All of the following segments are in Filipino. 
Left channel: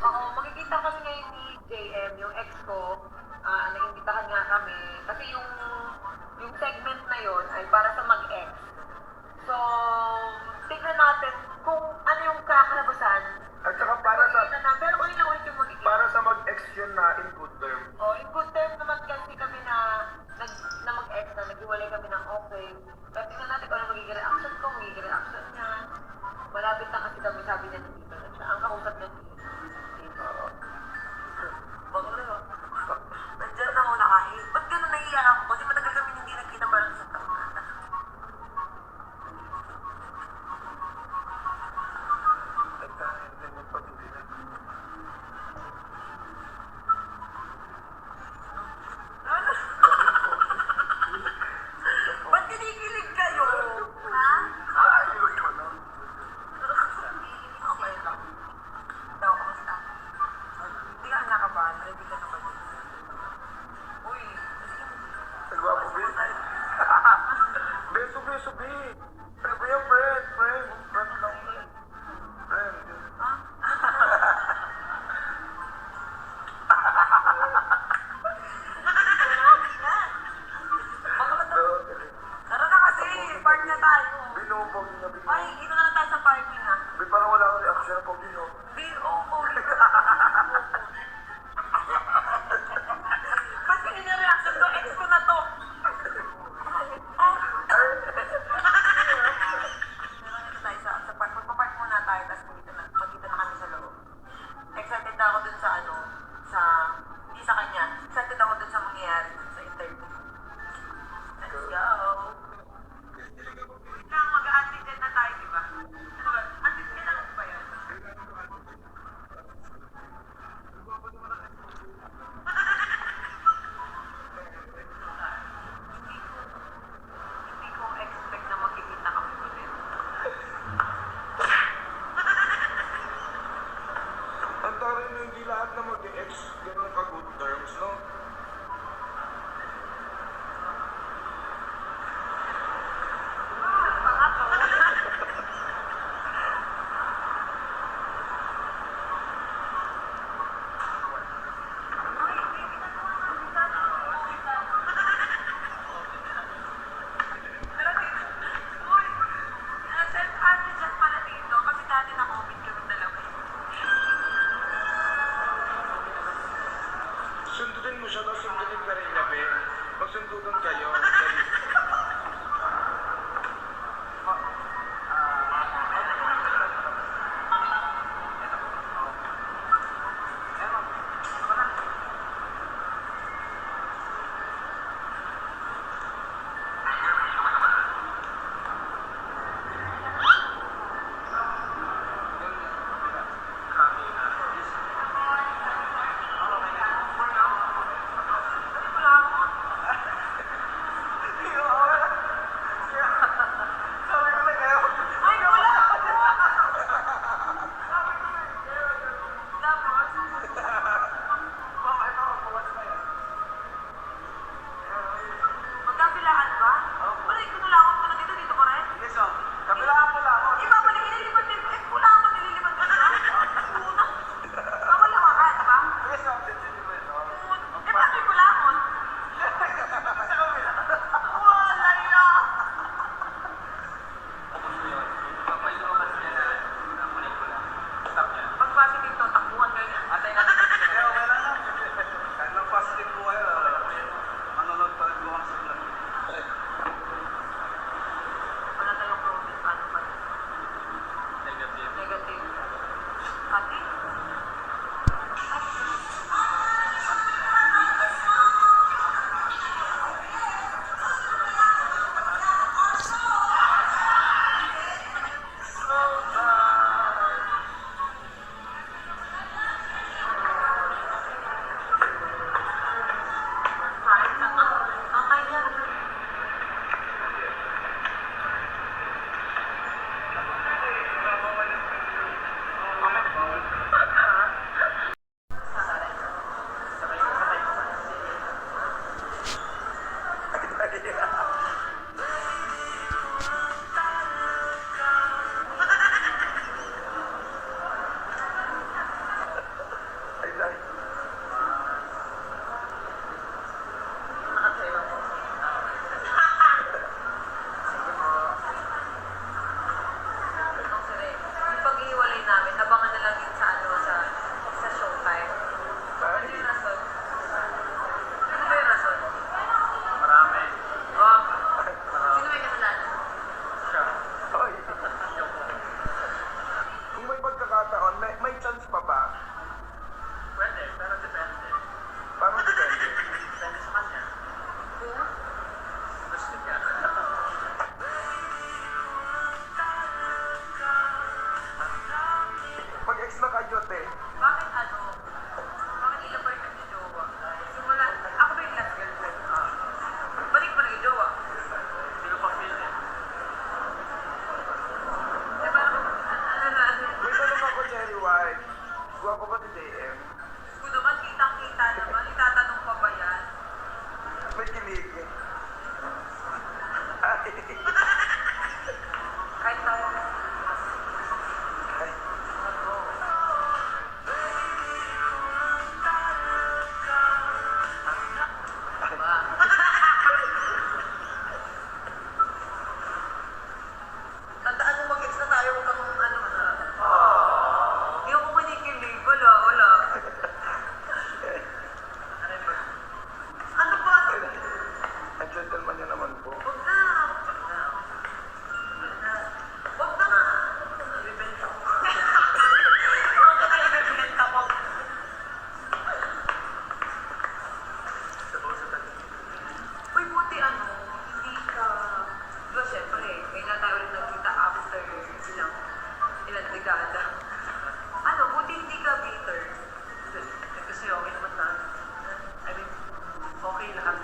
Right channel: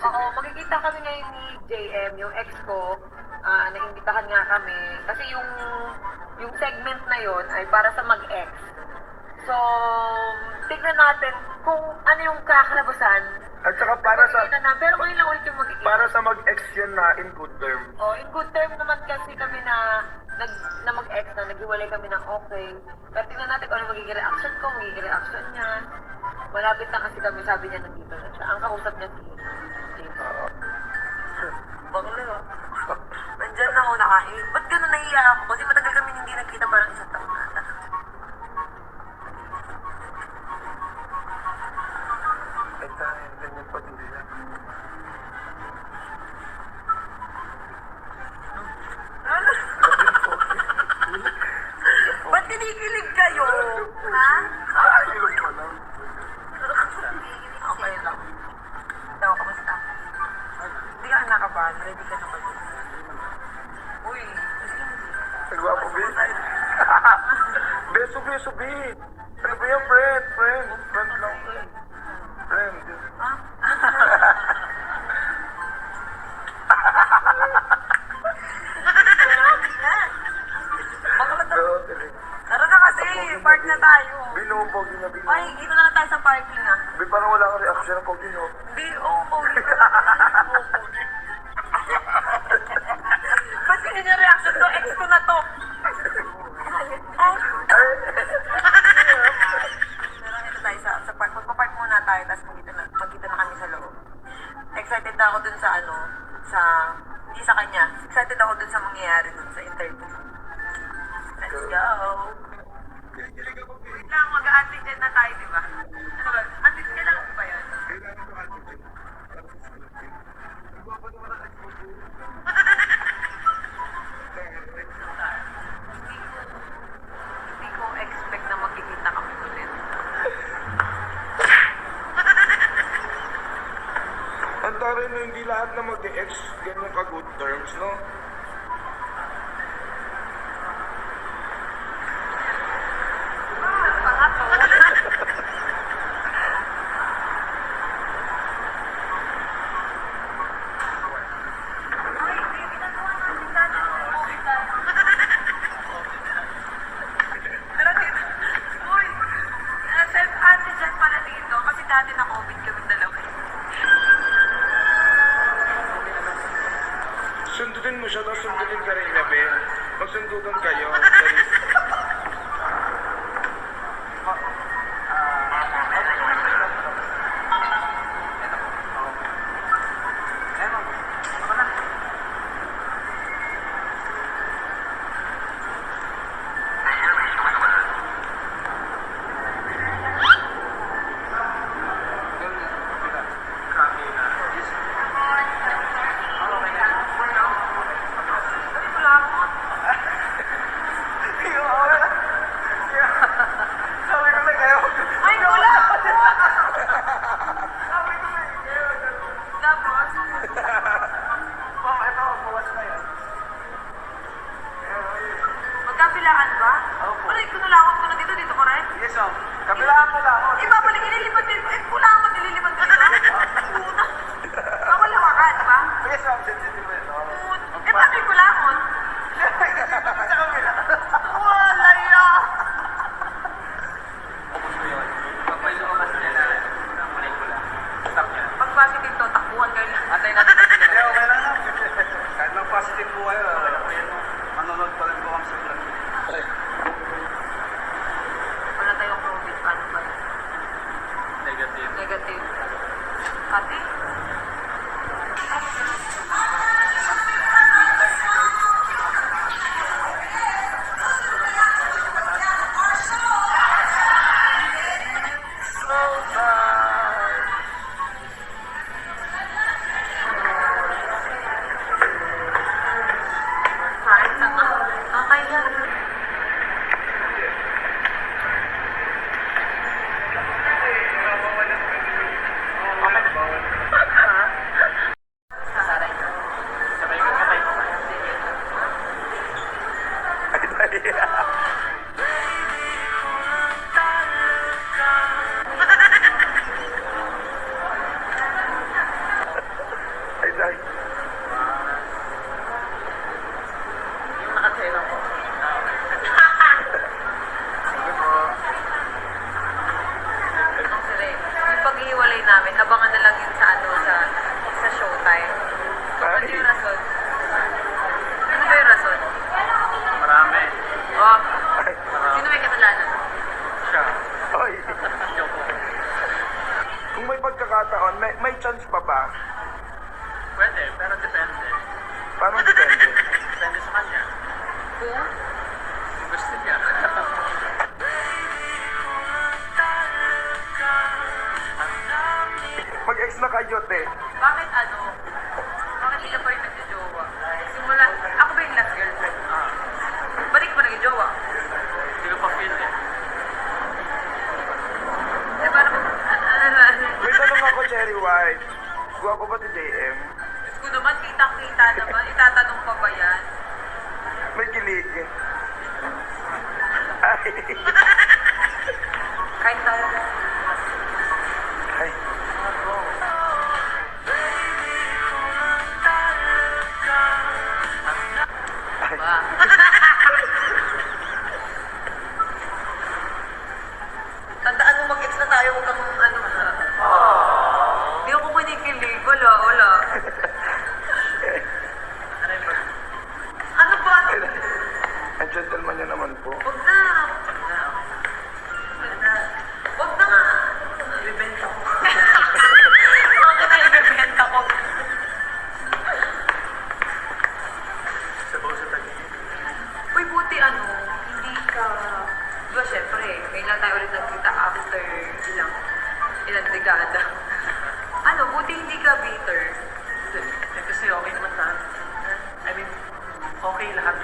Oo, niya? magkikita kami ngayon ni JM, yung ex ko. Ah, naimbitahan nga kami. Kasi yung yung segment na yon ay para sa mag-ex. So, tignan natin kung ano yung kakalabasan. At saka para sa natin. Pero ngayon lang ulit yung magkikita. para sa mag-ex yun na in good term. Oh, in good term naman kasi kami na nag na mag-ex na naghiwalay kami ng okay. Pero tingnan natin kung ano magiging reaction ko, magiging reaction niya. Malapit na kasi kami, sabi niya nandito na siya. Ang kausap niya si nakabahan. Ready ka na ba? Uy. Nagwapo, Bi. Beso, beso, Bi. Ano ba yan, friend? Friend. Friend lang, friend. Friend. Oo. Tara na kasi, park na tayo. Binumbog niya, Ay, dito na lang tayo sa parking ah. Bi, parang wala kang reaction ng pag no? Di, oo, oh, dito na Ba't hindi niya reaction to? Ex ko na to. Oh. Tara, dito tayo sa, sa park. Magpapark muna tayo, tapos magkita na, magkita na kami sa loob. Excited na ako dun sa ano, sa, hindi sa kanya. Excited ako dun sa mangyayari dun sa interview. Let's go. Wait lang, mag-antigen na tayo, di ba? Ano ba? Antigen kailangan ba yan? Hindi ko expect na magkikita kami ulit. Ang taray na hindi lahat na mag-ex ganun ka good terms, no? Tara dito. Uy! Uh, self-antigen pala dito kasi dati na-COVID kami dalawa. Sundutin mo siya, tapos sundutin ka rin Ben. Magsundutan kayo. Dali. Mag-ex na kayo, te. Bakit ano? Bakit hindi ka pa rin nagjojowa? Simula, ako ba yung last girlfriend? Ah, Balik pa nagjojowa? hindi ko pa feel eh. Eh, parang, ano, ano, ano. May tanong ako, Cherry White. Gwapo ba si JM? Diyos ko naman, kitang-kita naman. Itatanong pa ba yan? May kilig. Ay. Tayo,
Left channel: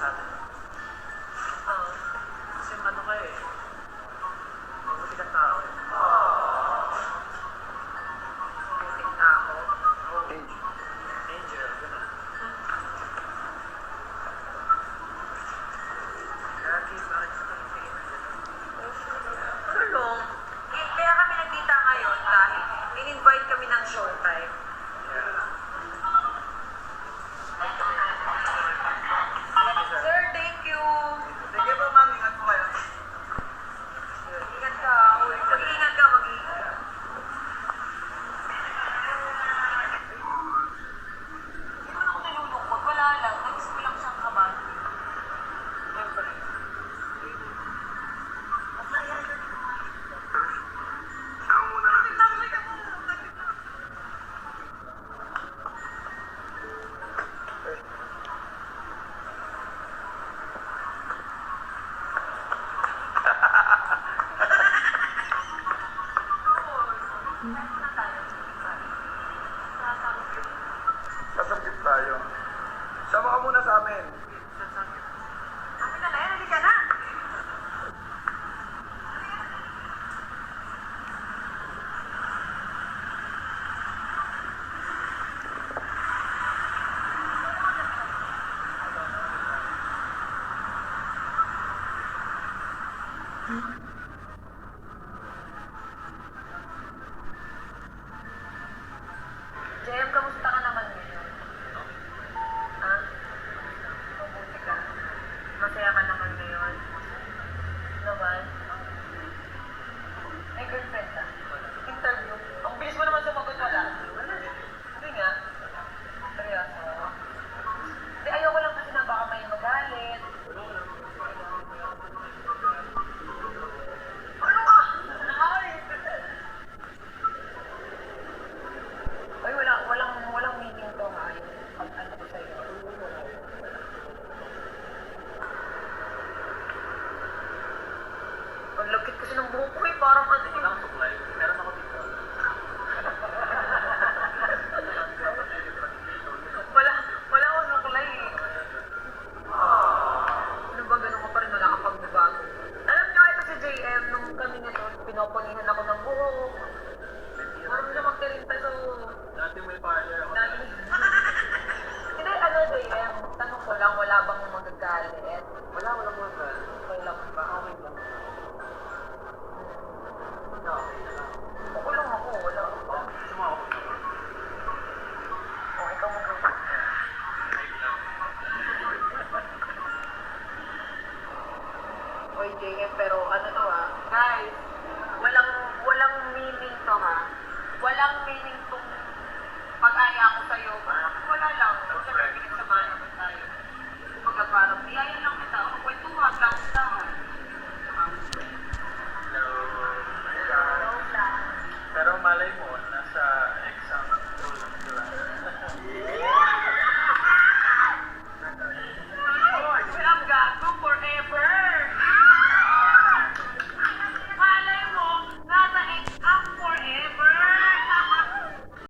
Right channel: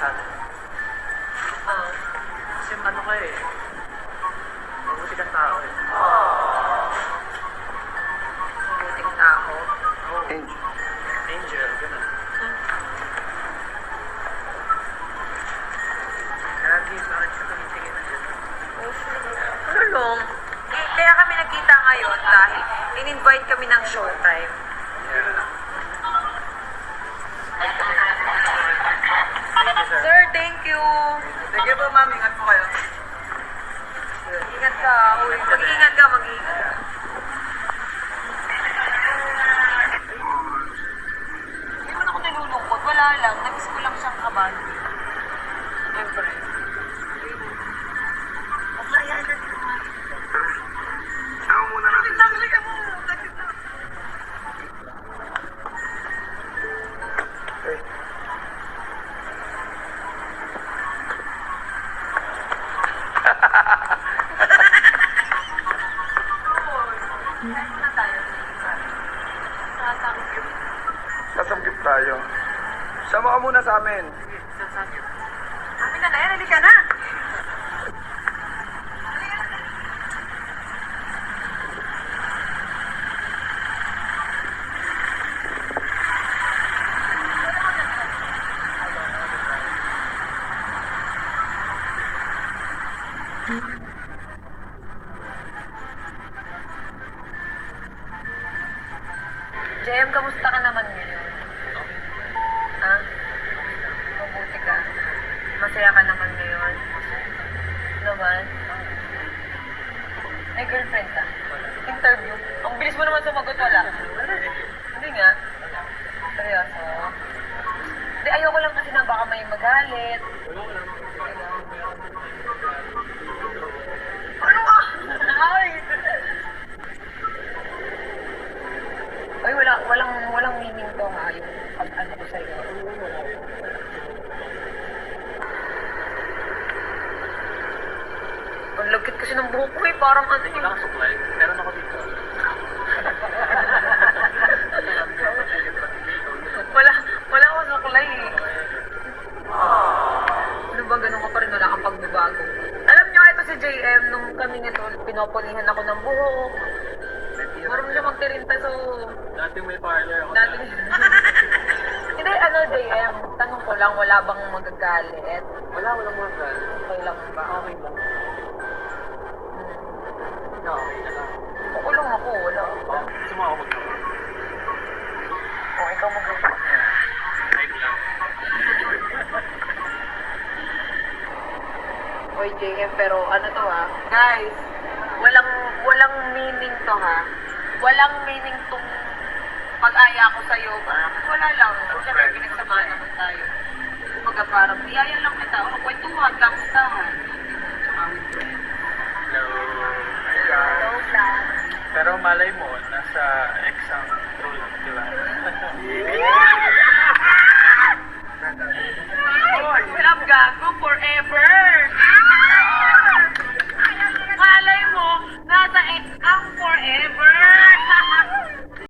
okay lahat sa atin. Ah, Kasi ano ka eh. Mabuti kang tao eh. buting tao. Oh, Angel. angel, gano'n. Lagi, bakit ka tumitingin na dyan? Ano lang? Eh, kaya kami nagkita ngayon dahil in-invite kami ng showtime. Sige po, ma'am. Ingat po kayo. Ingat ka. Mag-ingat ka, mag-ingat ka amin. Amin na na yan. Halika na. JM, kamusta ka naman ngayon? Ha? Ka. Masaya ka naman ngayon. Naman? May girlfriend ka? Interview? Ang bilis mo naman sumagot, wala. Hindi nga. Seryoso? Hindi, ayoko lang kasi na baka may magalit. Ano? Ay! Ay, wala, walang, walang meaning to nga yung ano ko sa'yo. Ang lagkit kasi ng buhok ko eh, parang ano eh. Wala kang supply. Meron ako dito. Wala, wala akong suklay eh. Ano ba ganun ka pa rin, wala kang pagbabago. Alam niyo, ito si JM, nung kami nito, pinoponihan ako ng buhok. Marunong siya magtirinta, so... Dati may parlor ako. Dati... Hindi, ano, JM, tanong ko lang, wala bang magagalit? Wala, wala mga brand. Okay lang ba? Okay lang. Na lang. Okay lang ako, wala. Oh, gusto mo ako? O, ikaw mag Type lang. Oy, JM, pero ano to ha? Guys, walang, walang meaning to ha? Walang meaning tong pag-aya ko sa'yo. Parang wala lang. Siyempre, pinagsamahan naman tayo. Kumbaga parang, iyaya lang kita. O, kwentuhan ka malay mo, nasa exam room, di ba?